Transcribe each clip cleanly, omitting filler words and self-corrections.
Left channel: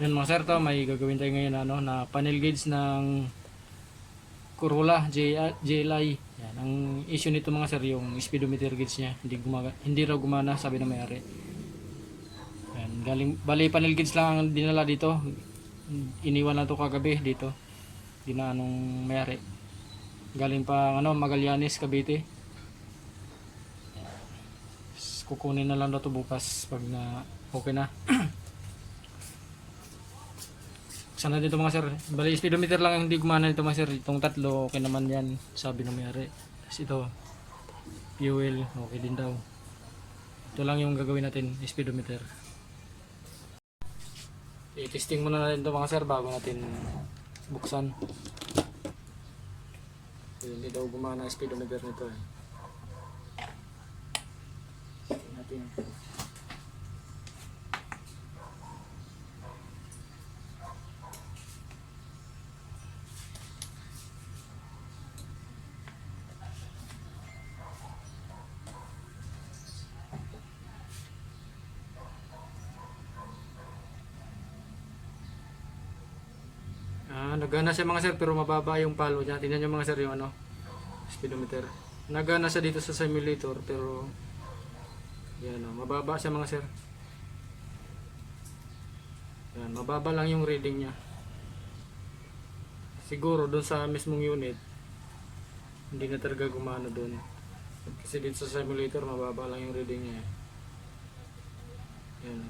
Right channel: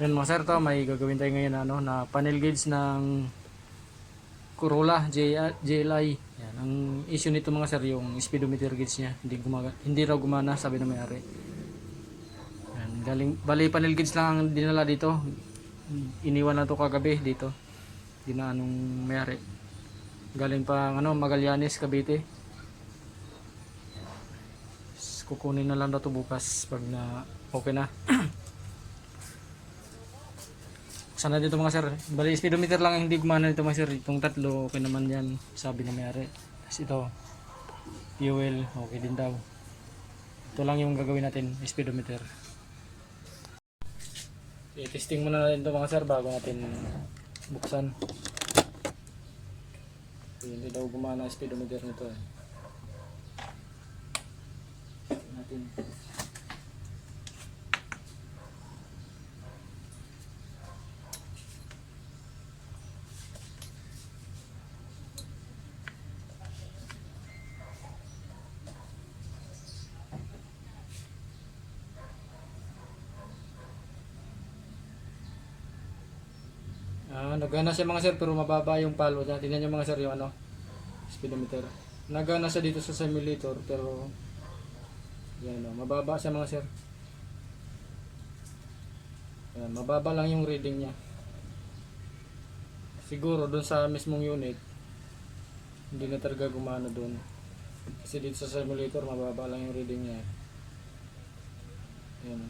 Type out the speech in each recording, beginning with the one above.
Yan mga sir, to may gagawin tayo ngayon na, na panel gauge ng Corolla JLI. Yan, ang issue nito mga sir, yung speedometer gauge niya hindi raw gumana, sabi na may-ari. Yan, bali panel gauge lang ang dinala dito. Iniwan na to kagabi dito. Anong may-ari. Galing pa Magallanes, Cavite. Kukunin na lang daw to bukas pag na okay na. Sana dito mga sir, bali speedometer lang ang hindi gumana nito mga sir. Itong tatlo okay naman yan, sabi ng may-ari. Tapos ito fuel okay din daw. Ito lang yung gagawin natin, speedometer. I-testing muna natin ito mga sir bago natin buksan. Hindi daw gumana ang speedometer nito eh. Natin. Nagana siya mga sir pero mababa yung palo niya. Tingnan niyo mga sir yung speedometer. Nagana siya dito sa simulator pero yan mababa siya mga sir. Yan, mababa lang yung reading niya. Siguro doon sa mismong unit hindi na talaga gumana doon. Kasi dito sa simulator mababa lang yung reading niya. Yan.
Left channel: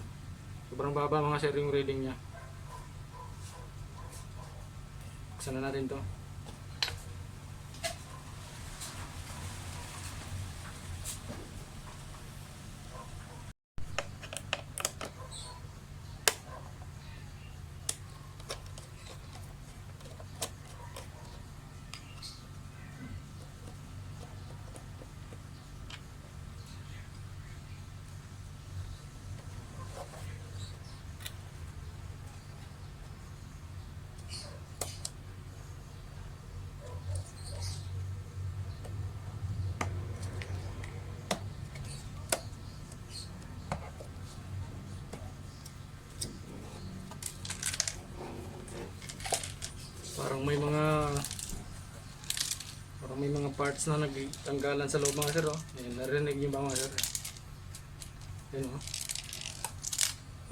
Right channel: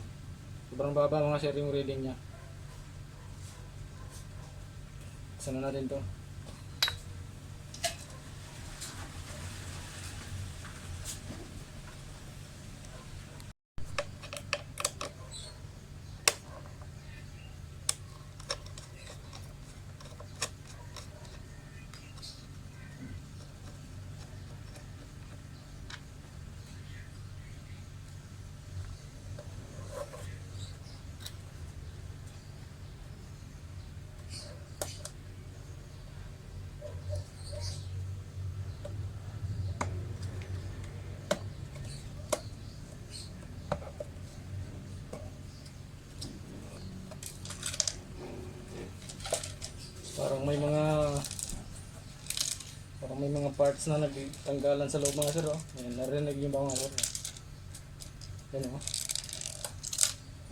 Sobrang baba mga sir yung reading niya. Buksan na natin to. Parang may mga parts na nagtanggalan sa loob mga sir oh. Yan, narinig niyo ba mga sir? Yan oh.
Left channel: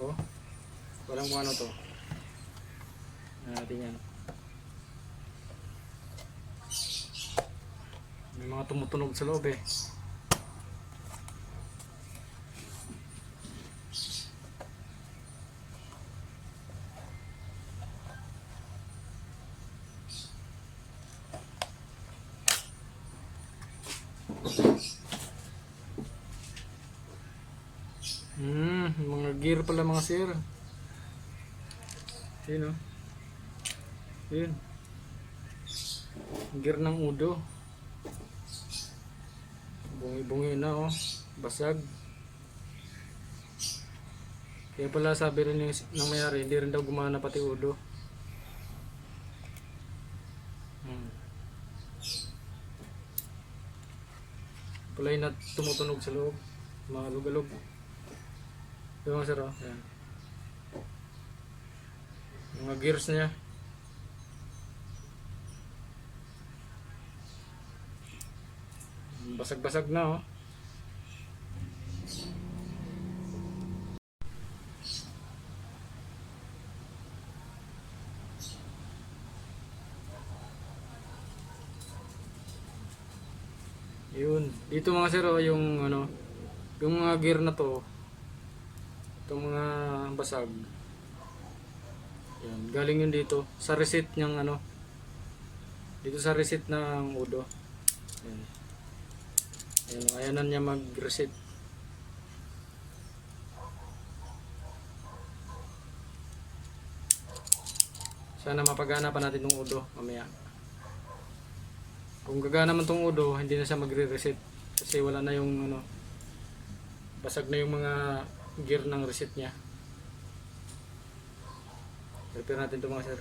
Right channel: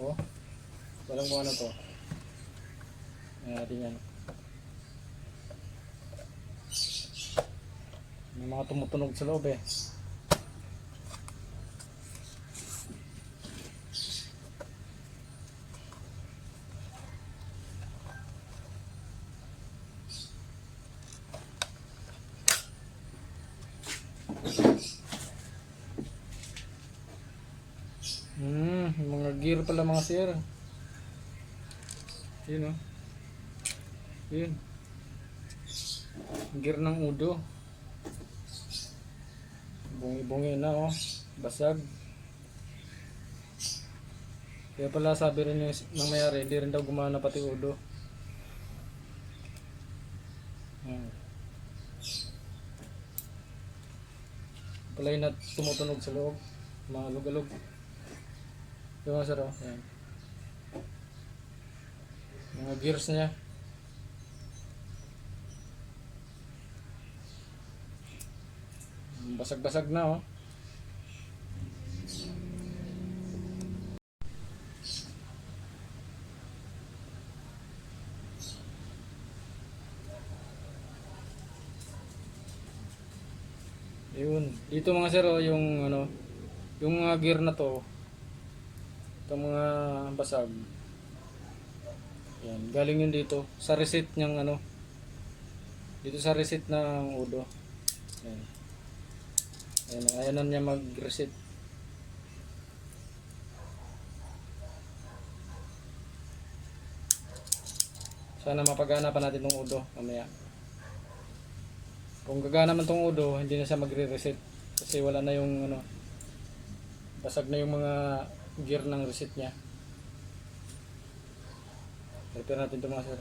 Oh. Walang kung ano to. Yan natin yan. May mga tumutunog sa loob eh. Mga gear pala mga sir. Yun oh. Yun. Gear ng udo. Bungi-bungi na oh. Basag. Kaya pala sabi rin ng may-ari, hindi rin daw gumana pati udo. Pala yun na tumutunog sa loob. Mga lugalog. Ito mga sir oh. Ayan. Mga gears niya. Basag-basag na oh. Yun. Dito mga sir oh, yung yung mga gear na to. Itong mga basag. Yan, galing yun dito sa reset niyang dito sa reset ng udo. Yan. Yan, ayaw na niya mag-reset. Sana mapagana pa natin tong udo mamaya. Kung gagana man tong udo, hindi na siya magre-reset kasi wala na yung basag na yung mga gear ng reset niya. Repair natin ito mga sir.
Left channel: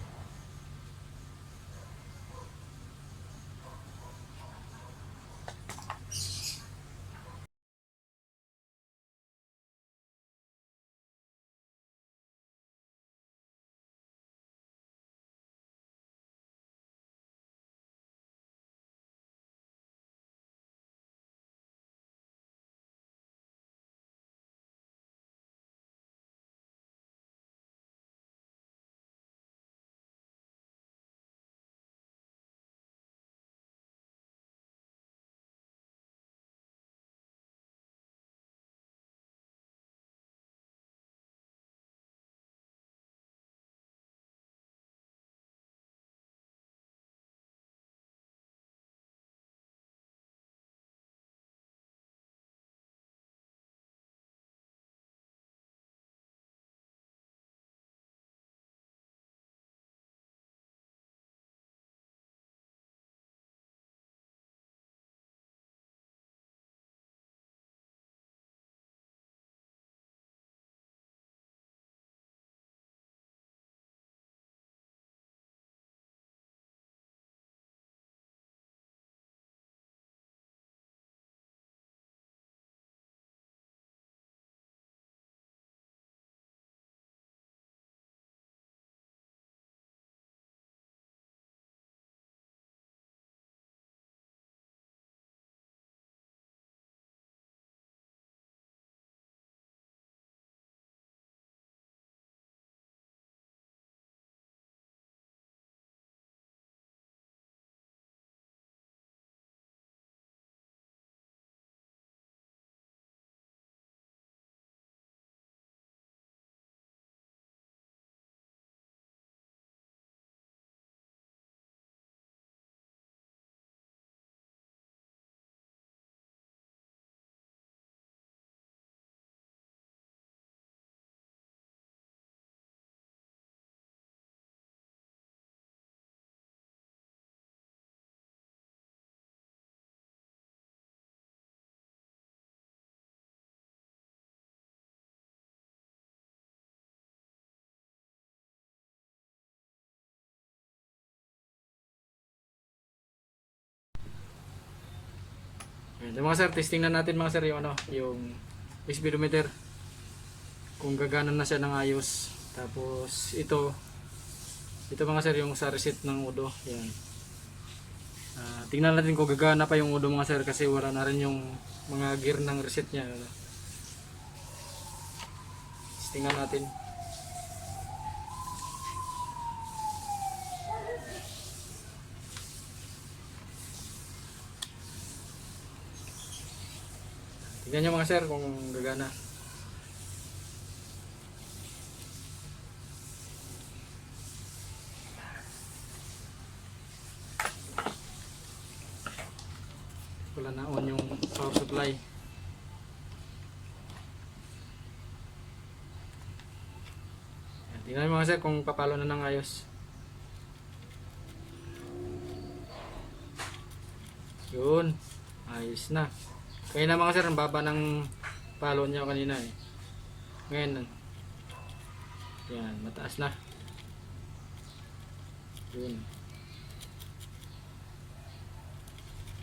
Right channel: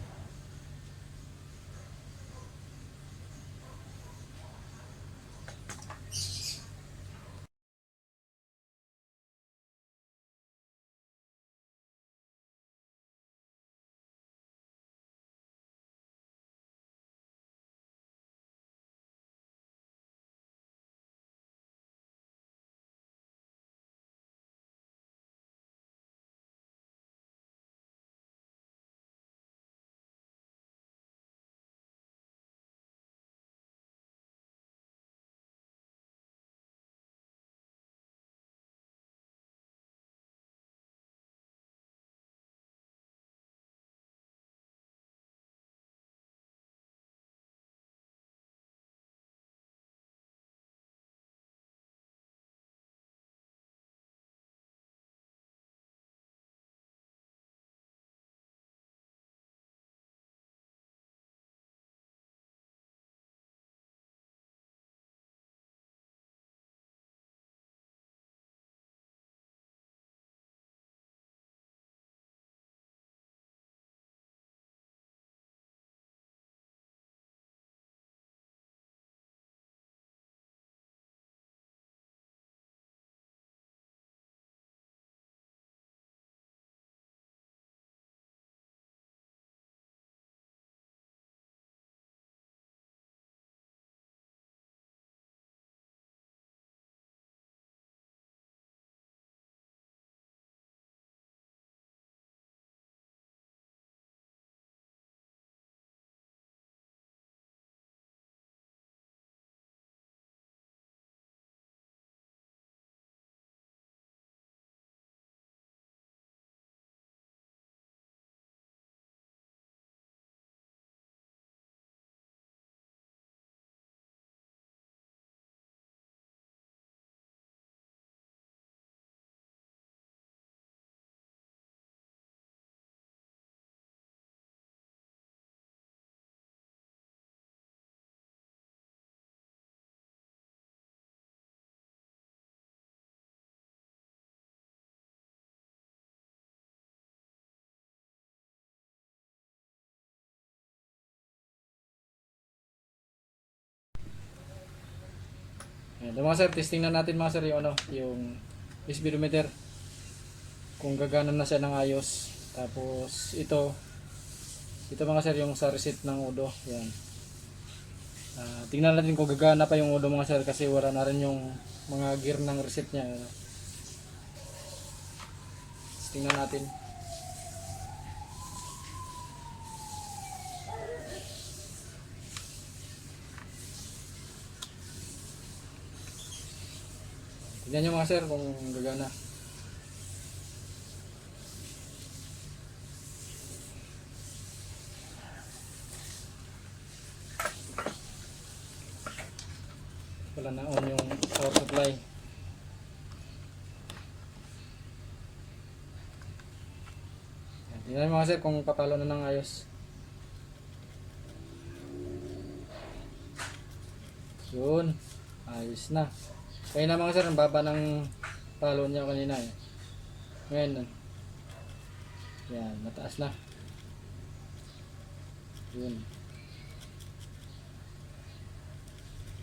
Yan. So, mga sir, testing na natin mga sir yung ano, yung speedometer. Kung gagana na siya ng ayos. Tapos ito mga sir yung sa reset ng udo. Yan. Tingnan natin kung gagana pa yung udo mga sir kasi wala na rin yung mga gear ng reset niya. Tingnan natin. Tingnan nyo mga sir kung gagana. Wala na on yung power supply. Tingnan nyo mga sir kung papalo na ng ayos. Yun. Ayos na. Kaya na mga sir, ang baba ng palo niya kanina eh. Ngayon, yan, mataas na. Yun.